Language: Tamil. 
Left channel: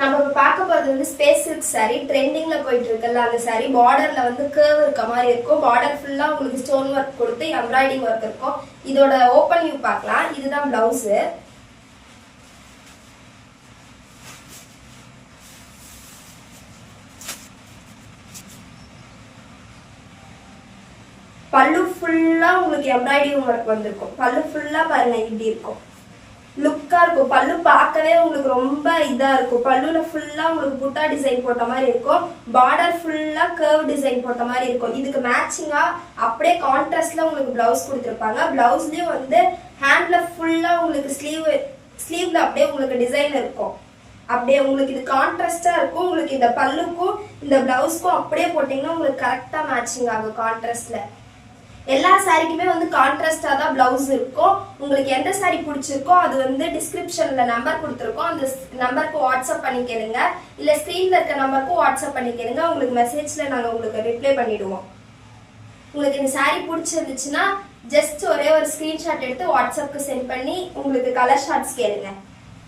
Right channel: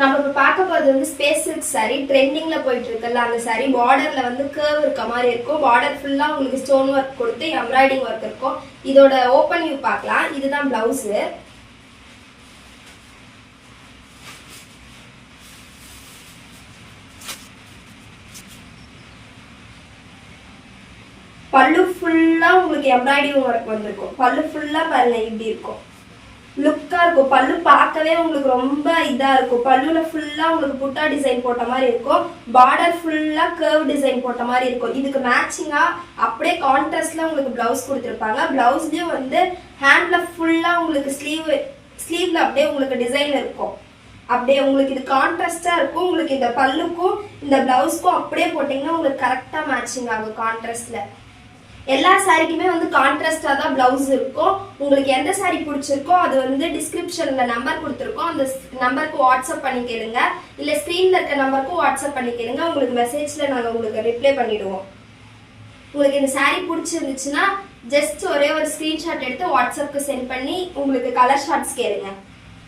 நம்ம இப்ப பார்க்க போறது வந்து ஸ்பேஸ் சில்க் saree ட்ரெண்டிங்ல போயிட்டு இருக்குல்ல அந்த saree பார்டர்ல வந்து கர்வ் இருக்க மாதிரி இருக்கும். பார்டர் ஃபுல்லா உங்களுக்கு ஸ்டோன் ஒர்க் கொடுத்து எம்ப்ராய்டிங் ஒர்க் இருக்கும். இதோட ஓபன் வியூ பார்க்கலாம். இதுதான் பிளவுஸ். பல்லு ஃபுல்லா உங்களுக்கு எம்ப்ராய்டிங் ஒர்க் வந்திருக்கும். பல்லு ஃபுல்லா பாருங்க இப்படி இருக்கும். லுக்கா இருக்கும். பல்லு பார்க்கவே உங்களுக்கு ரொம்ப இதா இருக்கும். பல்லுல ஃபுல்லா உங்களுக்கு புட்டா டிசைன் போட்ட மாதிரி இருக்கும். பார்டர் ஃபுல்லா கர்வ் டிசைன் போட்ட மாதிரி இருக்கும். இதுக்கு மேட்சிங்கா அப்படியே கான்ட்ராஸ்ட்ல உங்களுக்கு பிளவுஸ் கொடுத்துருப்பாங்க. பிளவுஸ்லயும் வந்து ஹேண்ட்ல ஃபுல்லா உங்களுக்கு ஸ்லீவ்ல அப்படியே உங்களுக்கு டிசைன் இருக்கும். அப்படியே உங்களுக்கு இது கான்ட்ராஸ்டா இருக்கும். உங்களுக்கு இந்த பல்லுக்கும் இந்த பிளவுஸ்க்கும் அப்படியே போட்டீங்கன்னா உங்களுக்கு கரெக்டா மேட்சிங் ஆகும் கான்ட்ராஸ்ட்ல. எல்லா சாரிக்குமே வந்து கான்ட்ராஸ்டா தான் பிளவுஸ் இருக்கும். உங்களுக்கு எந்த சாரி பிடிச்சிருக்கோ அது வந்து டிஸ்கிரிப்ஷன்ல நம்பர் கொடுத்துருக்கோம். அந்த நம்பருக்கு வாட்ஸ்அப் பண்ணி கேளுங்க. இல்ல ஸ்கிரீன்ல இருக்க நம்பருக்கும் வாட்ஸ்அப் பண்ணி கேளுங்க. உங்களுக்கு மெசேஜ்ல நாங்க உங்களுக்கு ரிப்ளை பண்ணிடுவோம். உங்களுக்கு இந்த சாரி பிடிச்சிருந்துச்சுன்னா ஜஸ்ட் ஒரே ஒரு ஸ்கிரீன்ஷாட் எடுத்து வாட்ஸ்அப்க்கு சென்ட் பண்ணி உங்களுக்கு கலர் ஷார்ட்ஸ் கேளுங்க.